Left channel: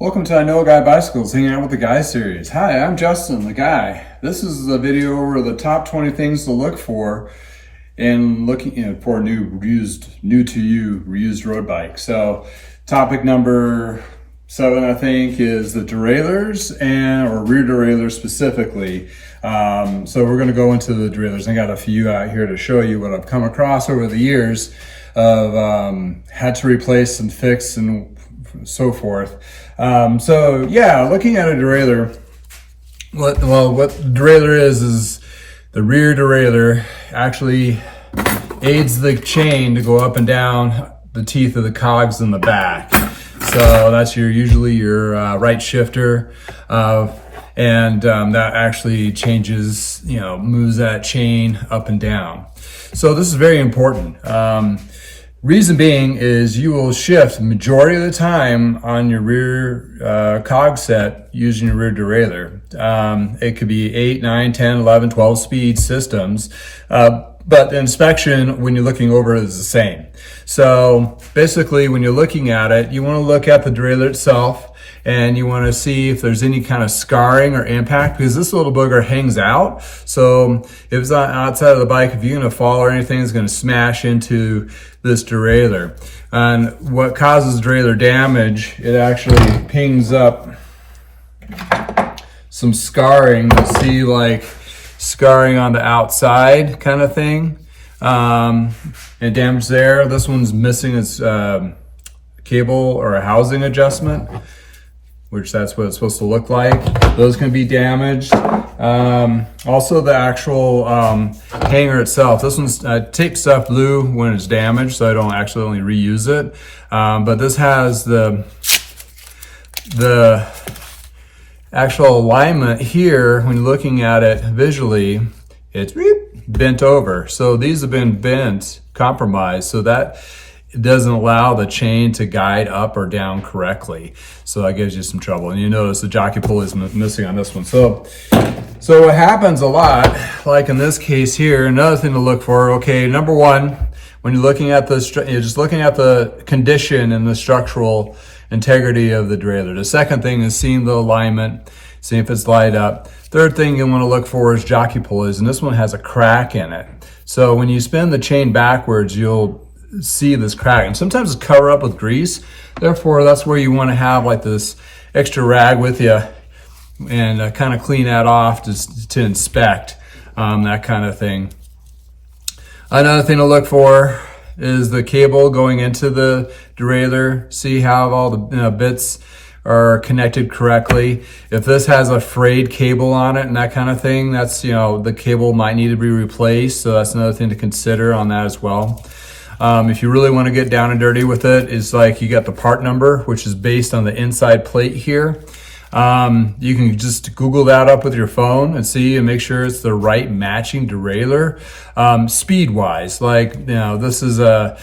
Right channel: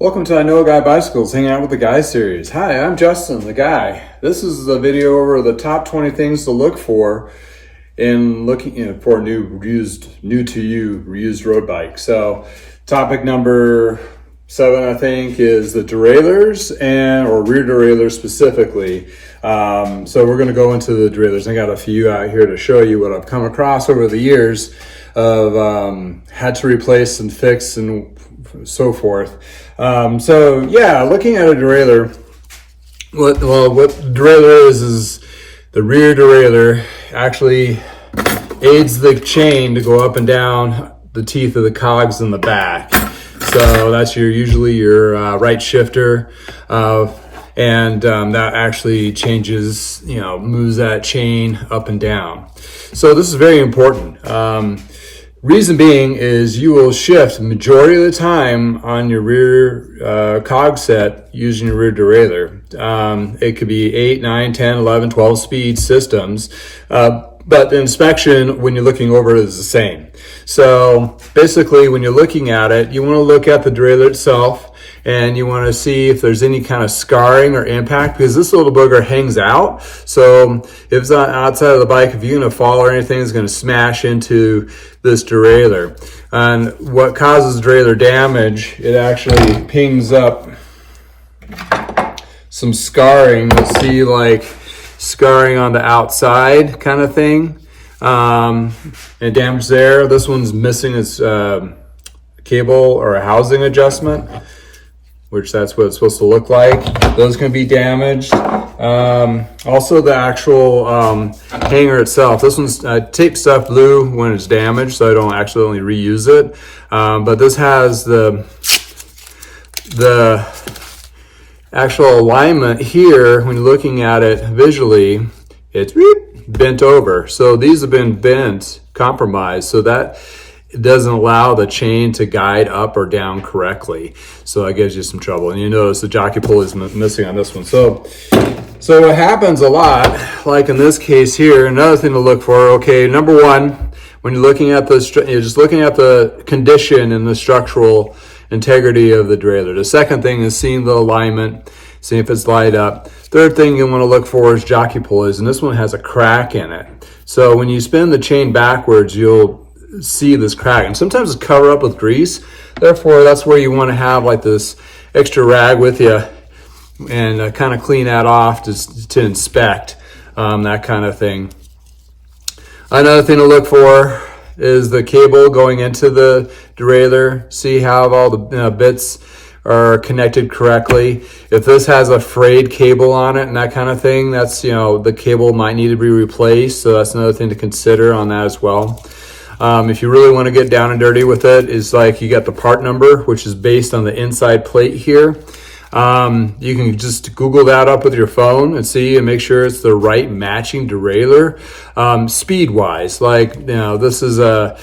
Welcome to I Know a Guy Bicycles, hanging out with the Guy series. Hi, I'm Justin, the Guy. This is a video over the top 20 things to look for in looking for new to you reused road bike. So topic number 7, I think, is the derailleurs or rear derailleurs specifically. So we're going to go into the derailleurs. I got a few out here to show you what I've come across over the years of had to replace and fix and so forth. So yeah, looking at a derailleur, what derailleur is the rear derailleur actually aids the chain to go up and down the teeth of the cogs in the back. So that's usually your right shifter, and that actually changes, moves that chain up and down. So this is very important. Reason being is you will shift majority of the time on your rear cog set using your rear derailleur. It could be 8, 9, 10, 11, 12 speed systems, but the inspection when you're looking over it is the same. So basically when you're looking at it, you want to look at the derailleur itself and you want to see if there's any kind of scarring or impact, because this little booger hangs out. So if it's not outside of the bike, if you're going to fall or anything, it's going to smash into this derailleur. And what causes derailleur damage, it actually pings up some scarring. You'll see like scarring on the outside kind of thing, and damage there. This one's missing its cable or a housing adjustment, which that's what it's supposed to look like. Those can be damaged. Also the actual hanger itself. This one's tape stuff blue when it's damaged, so I don't accidentally reuse it. But this has the actual alignment here. When you're looking at it visually, it's bent over. So these have been bent, compromised, so that it doesn't allow the chain to guide up or down correctly. So that gives you some trouble. And you notice the jockey pulley is missing on this one. So what happens a lot, like in this case here, another thing to look for, okay, number one, when you're looking at you're just looking at the condition and the structural integrity of the derailleur. The second thing is seeing the alignment, seeing if it's light up. Third thing you want to look for is jockey pulleys, and this one has a crack in it. So when you spin the chain backwards, you'll see this crack, and sometimes it's covered up with grease. Therefore, that's where you want to have like this extra rag with you and kind of clean that off to inspect that kind of thing. Another thing to look for is the cable going into the derailleur. See how all the bits are connected correctly. If this has a frayed cable on it and that kind of thing, that's, the cable might need to be replaced. So that's another thing to consider on that as well. If you really want to get down and dirty with it, is like you got the part number, which is based on the inside plate here. You can just Google that up with your phone and see and make sure it's the right matching derailleur. Speed wise, like, this is an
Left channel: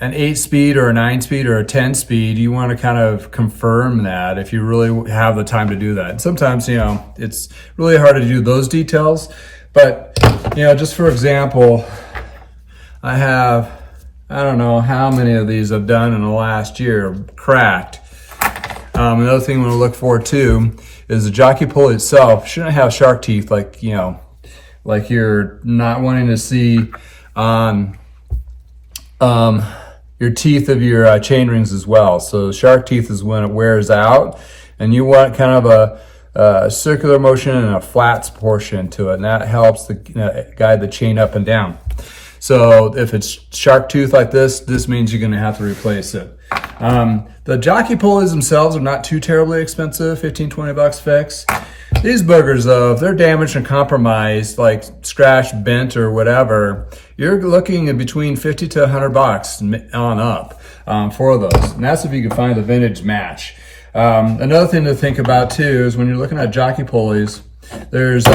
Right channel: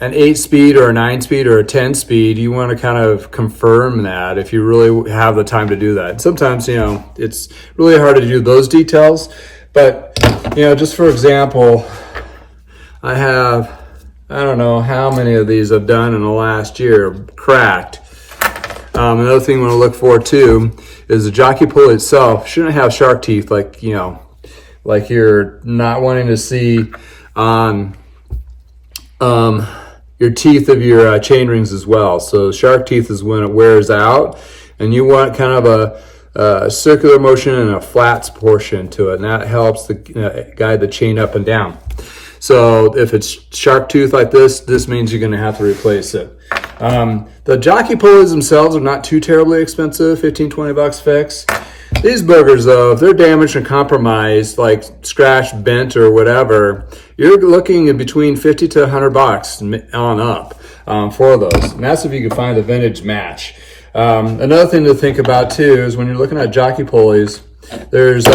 8 speed or a 9 speed or a 10 speed. You want to kind of confirm that if you really have the time to do that. Sometimes, it's really hard to do those details, but, just for example, I don't know how many of these I've done in the last year, cracked. Another thing we want to look for too is the jockey pulley itself shouldn't have shark teeth, like like you're not wanting to see on your teeth of your chain rings as well. So shark teeth is when it wears out, and you want kind of a circular motion and a flat portion to it, and that helps to guide the chain up and down. So if it's shark tooth like this means you're going to have to replace it. The jockey pulleys themselves are not too terribly expensive, $15-20 fix. These boogers though, if they're damaged and compromised, like scratched, bent or whatever, you're looking at between $50 to $100 on up for those. And that's if you can find a vintage match. Another thing to think about too is when you're looking at jockey pulleys, there's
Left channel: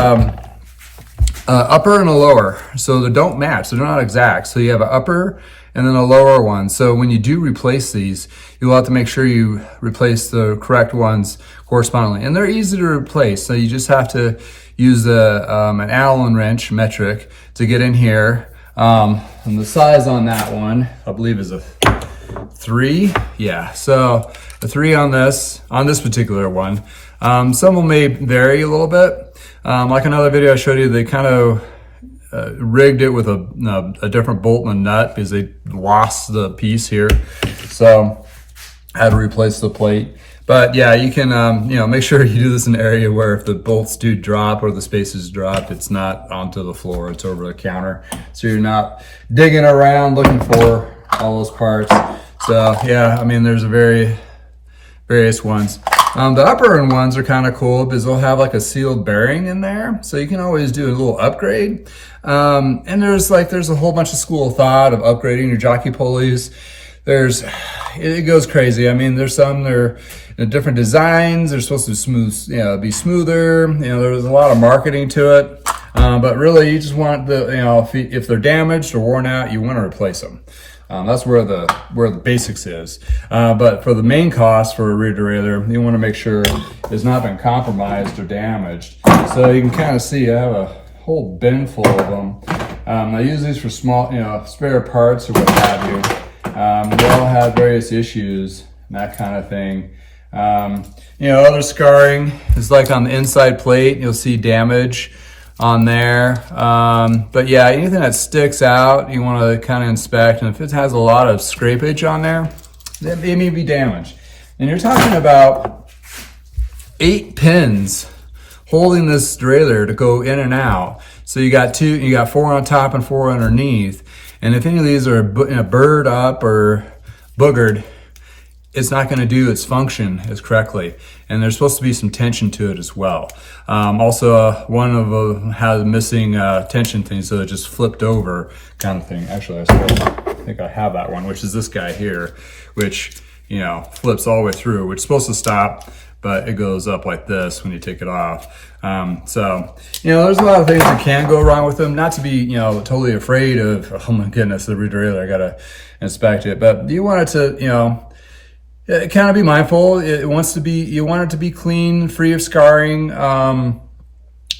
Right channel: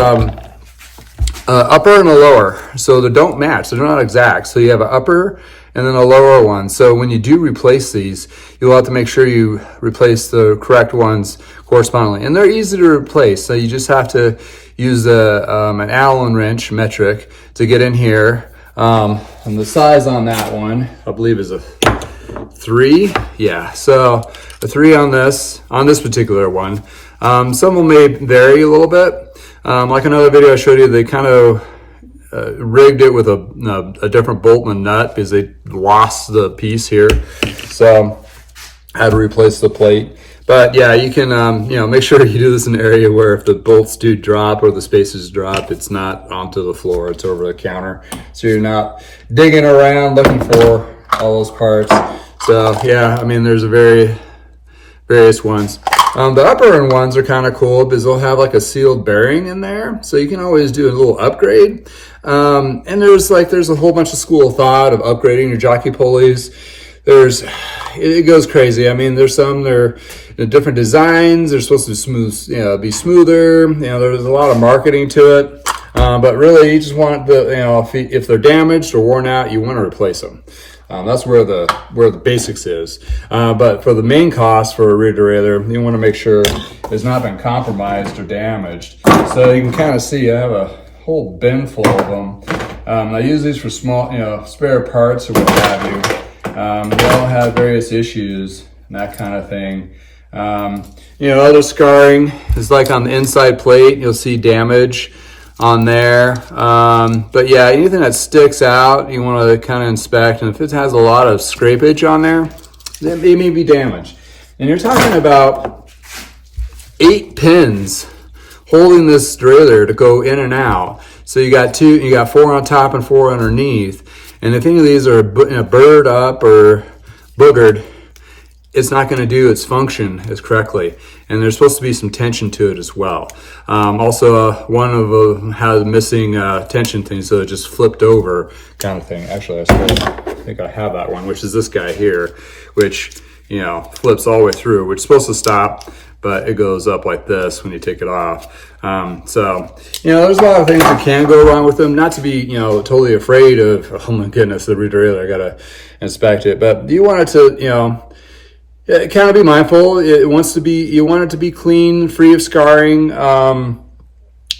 upper and a lower, so they don't match, they're not exact. So you have an upper and then a lower one. So when you do replace these, you'll have to make sure you replace the correct ones correspondingly. And they're easy to replace, so you just have to use an Allen wrench metric to get in here. And the size on that one, I believe, is a 3. Yeah, so a 3 on this particular one. Some of them may vary a little bit. Like another video I showed you, they kind of rigged it with a different bolt and nut because they lost the piece here. So I had to replace the plate. But yeah, you can, make sure you do this in an area where if the bolts do drop or the spaces drop, it's not onto the floor, it's over the counter. So you're not digging around looking for all those parts. So yeah, I mean, there's various ones. The upper end ones are kind of cool because they'll have like a sealed bearing in there. So you can always do a little upgrade. And there's a whole bunch of school of thought of upgrading your jockey pulleys. It goes crazy. I mean, there's some, they're different designs. They're supposed to be smoother. There's a lot of marketing to it. But really you just want if they're damaged or worn out, you want to replace them. That's where the basics is. But for the main cost for a rear derailleur, you want to make sure it's not been compromised or damaged. So you can kind of see I have a whole bin full of them. I use these for small, spare parts or what have you. They all have various issues and that kind of thing. Other scarring is like on the inside plate, you'll see damage on there. But yeah, anything that sticks out, you want to kind of inspect. And if it has a lot of scrapage on there, then it may be damaged. And you're talking about 8 pins holding this derailleur to go in and out. So you got 4 on top and 4 underneath. And if any of these are burred up or boogered, it's not going to do its function as correctly. And there's supposed to be some tension to it as well. Also, one of them has missing tension thing, so it just flipped over kind of thing. Actually, I think I have that one, which is this guy here, which, flips all the way through, which is supposed to stop, but it goes up like this when you take it off. So, there's a lot of things that can go wrong with them. Not to be, totally afraid of, oh my goodness, the rear derailleur, I gotta inspect it. But you want it to, kind of be mindful. You want it to be clean, free of scarring.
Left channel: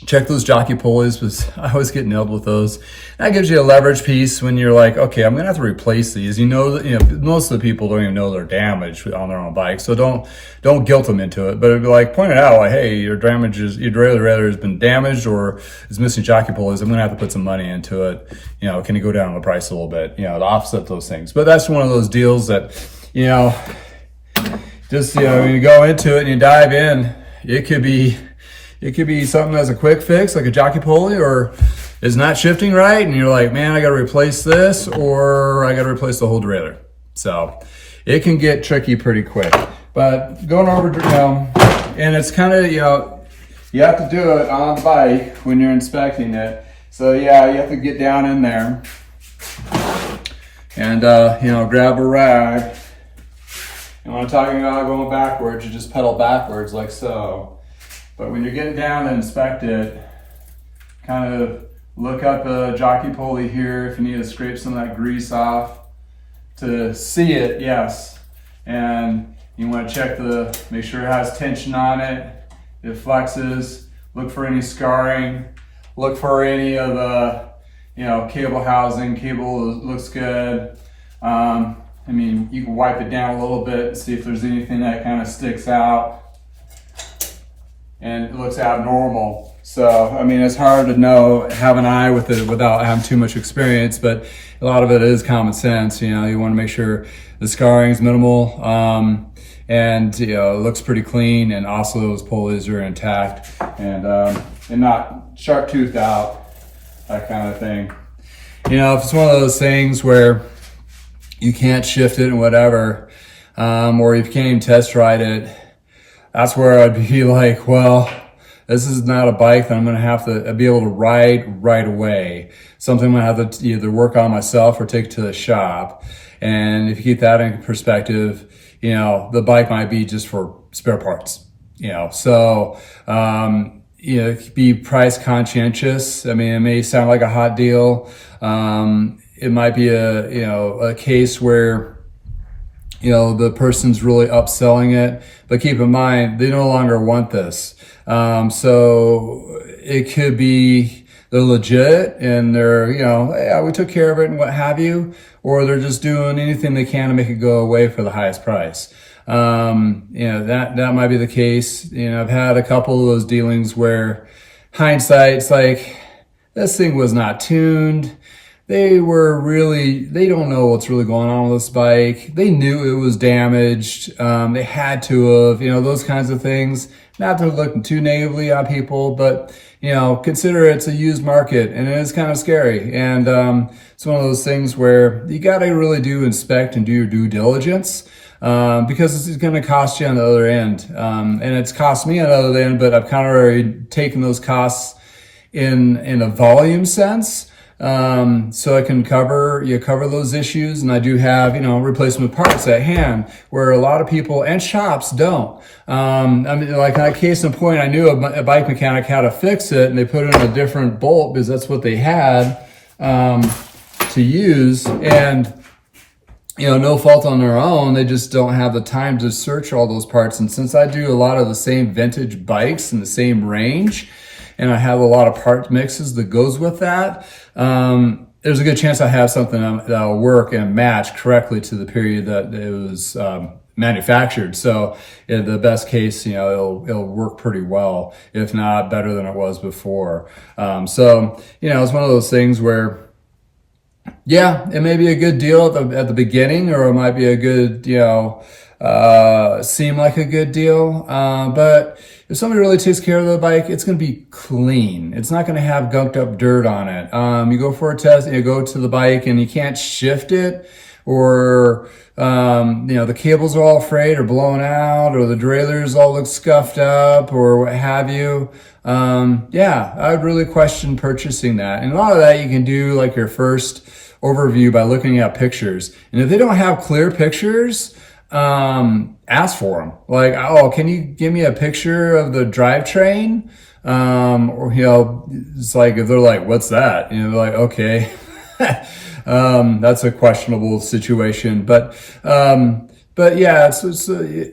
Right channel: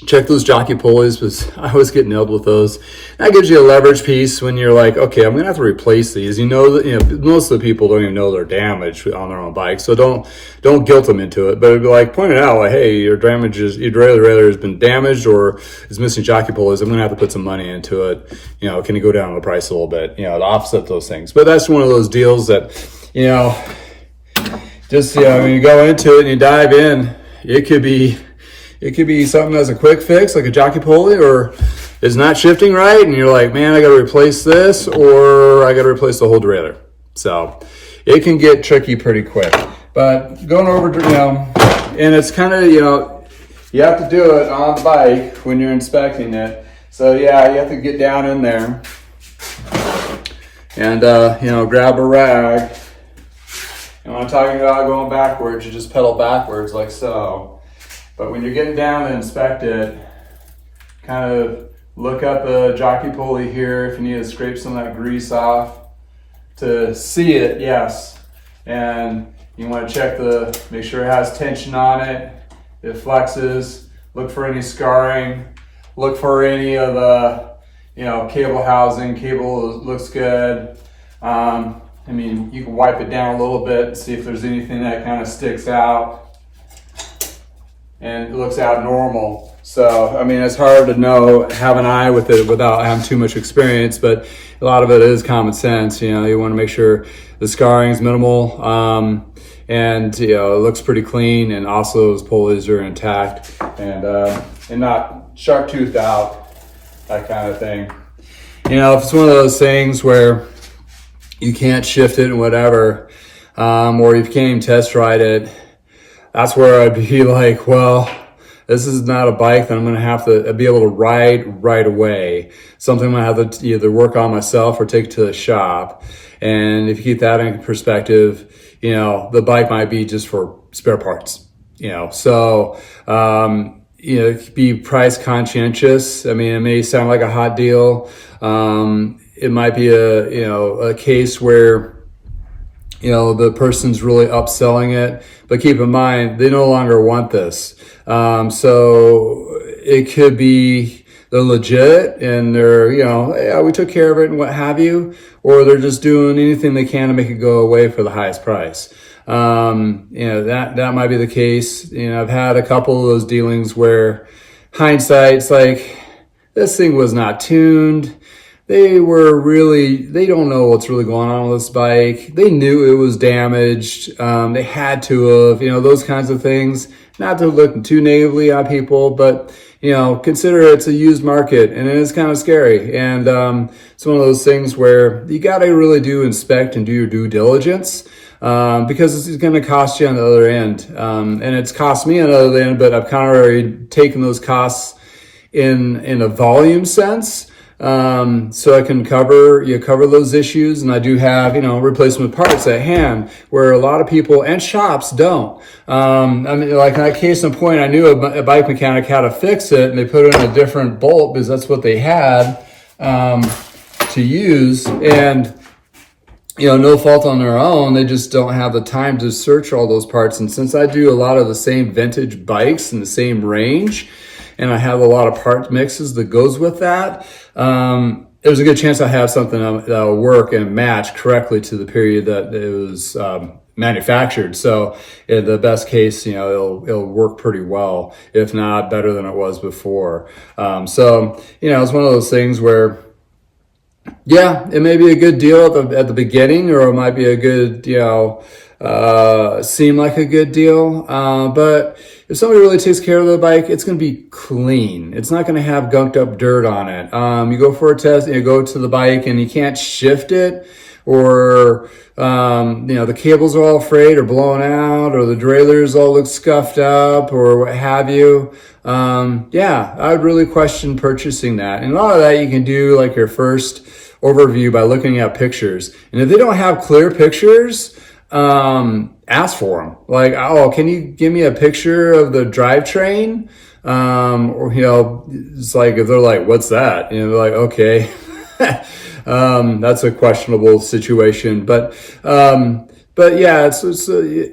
Check those jockey pulleys because I always get nailed with those. That gives you a leverage piece when you're like, okay, I'm gonna have to replace these. Most of the people don't even know they're damaged on their own bike, so don't guilt them into it. But it'd be like, point it out, like, hey, your derailleur has been damaged or is missing jockey pulleys. I'm gonna have to put some money into it. Can you go down on the price a little bit? To offset those things. But that's one of those deals that, just when you go into it and you dive in, it could be something that's a quick fix, like a jockey pulley, or is not shifting right, and you're like, man, I got to replace this, or I got to replace the whole derailleur. So it can get tricky pretty quick. But going over, and it's kind of, you have to do it on the bike when you're inspecting it. So yeah, you have to get down in there and grab a rag. And when I'm talking about going backwards, you just pedal backwards like so. But when you're getting down to inspect it, kind of look at the jockey pulley here if you need to scrape some of that grease off to see it, yes. And you want to check make sure it has tension on it, it flexes, look for any scarring, look for any of the, cable housing, cable looks good. You can wipe it down a little bit and see if there's anything that kind of sticks out and it looks abnormal. So, it's hard to have an eye with it without having too much experience, but a lot of it is common sense. You want to make sure the scarring is minimal, and it looks pretty clean, and also those pulleys are intact and not sharp toothed out, that kind of thing. If it's one of those things where you can't shift it and whatever, or you can't even test ride it, that's where I'd be like, well, this is not a bike that I'm going to have to be able to ride right away. Something I'm going to have to either work on myself or take it to the shop. And if you keep that in perspective, the bike might be just for spare parts, So, be price conscientious. It may sound like a hot deal. It might be a case where the person's really upselling it, but keep in mind, they no longer want this. So it could be they're legit and they're, you know, yeah, we took care of it and what have you, or they're just doing anything they can to make it go away for the highest price. You know, that might be the case. You know, I've had a couple of those dealings where hindsight's like, this thing was not tuned. They don't know what's really going on with this bike. They knew it was damaged. They had to have, you know, those kinds of things. Not to look too negatively on people, but, you know, consider it's a used market and it is kind of scary. And it's one of those things where you got to really inspect and do your due diligence. Because it's going to cost you on the other end. And it's cost me on the other end, but I've kind of already taken those costs in a volume sense. So I can cover those issues, and I do have, you know, replacement parts at hand where a lot of people and shops don't. I mean, like in that case in point, I knew a bike mechanic how to fix it, and they put in a different bolt because that's what they had, to use. And, you know, no fault on their own. They just don't have the time to search all those parts. And since I do a lot of the same vintage bikes in the same range, and I have a lot of part mixes that goes with that, there's a good chance I have something that'll work and match correctly to the period that it was manufactured. So in the best case, you know, it'll work pretty well, if not better than it was before. So, you know, it's one of those things where, yeah, it may be a good deal at the beginning, or it might be a good, you know, seem like a good deal. But if somebody really takes care of the bike, it's going to be clean. It's not going to have gunked up dirt on it. You go for a test, you go to the bike and you can't shift it, or, you know, the cables are all frayed or blown out, or the derailleurs all look scuffed up, or what have you. Yeah, I would really question purchasing that. And a lot of that you can do like your first overview by looking at pictures. And if they don't have clear pictures, ask for them. Like, oh, can you give me a picture of the drivetrain? Or, you know, it's like, if they're like, what's that? You know, like, okay, that's a questionable situation, but yeah, it's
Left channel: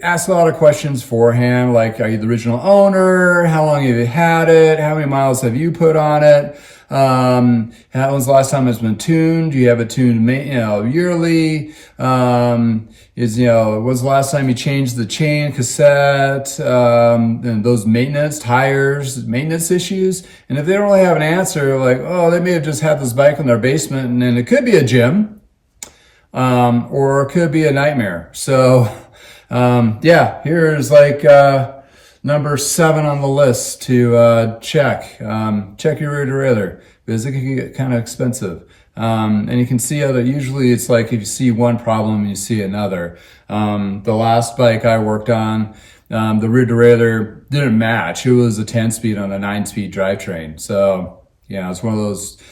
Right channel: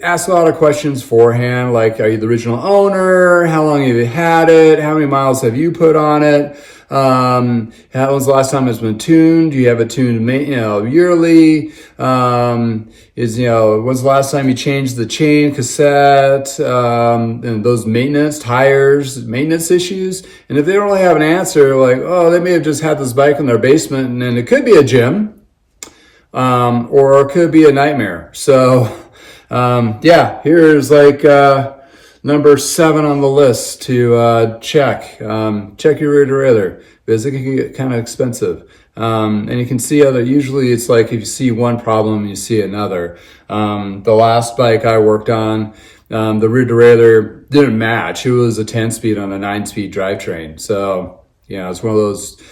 ask a lot of questions beforehand. Like, are you the original owner? How long have you had it? How many miles have you put on it? When was the last time it's been tuned? Do you have it tuned, you know, yearly? When's the last time you changed the chain, cassette, and those maintenance issues? And if they don't really have an answer, like, oh, they may have just had this bike in their basement, and then it could be a gym, or it could be a nightmare. So, yeah, here's like, number 7 on the list to check. Check your rear derailleur, because it can get kind of expensive. And you can see usually it's like if you see one problem, you see another. The last bike I worked on, the rear derailleur didn't match. It was a 10-speed on a 9-speed drivetrain. So, you know, it's one of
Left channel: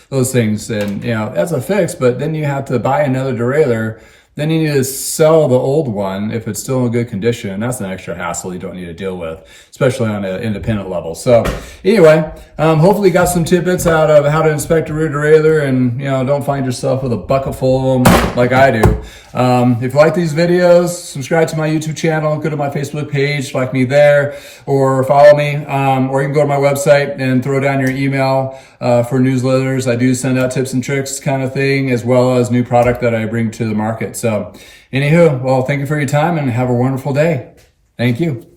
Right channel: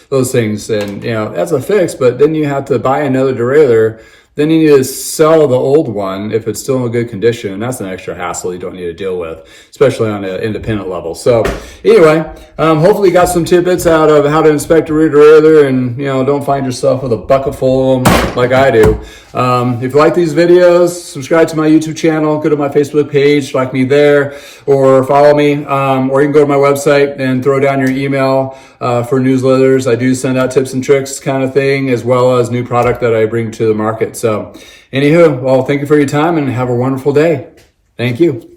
those things, and, you know, that's a fix, but then you have to buy another derailleur. Then you need to sell the old one if it's still in good condition. And that's an extra hassle you don't need to deal with, especially on an independent level. So anyway, hopefully you got some tidbits out of how to inspect a rear derailleur, and, you know, don't find yourself with a bucket full of them like I do. If you like these videos, subscribe to my YouTube channel, go to my Facebook page, like me there, or follow me, or you can go to my website and throw down your email for newsletters. I do send out tips and tricks kind of thing, as well as new product that I bring to the market. So anywho, well, thank you for your time and have a wonderful day. Thank you.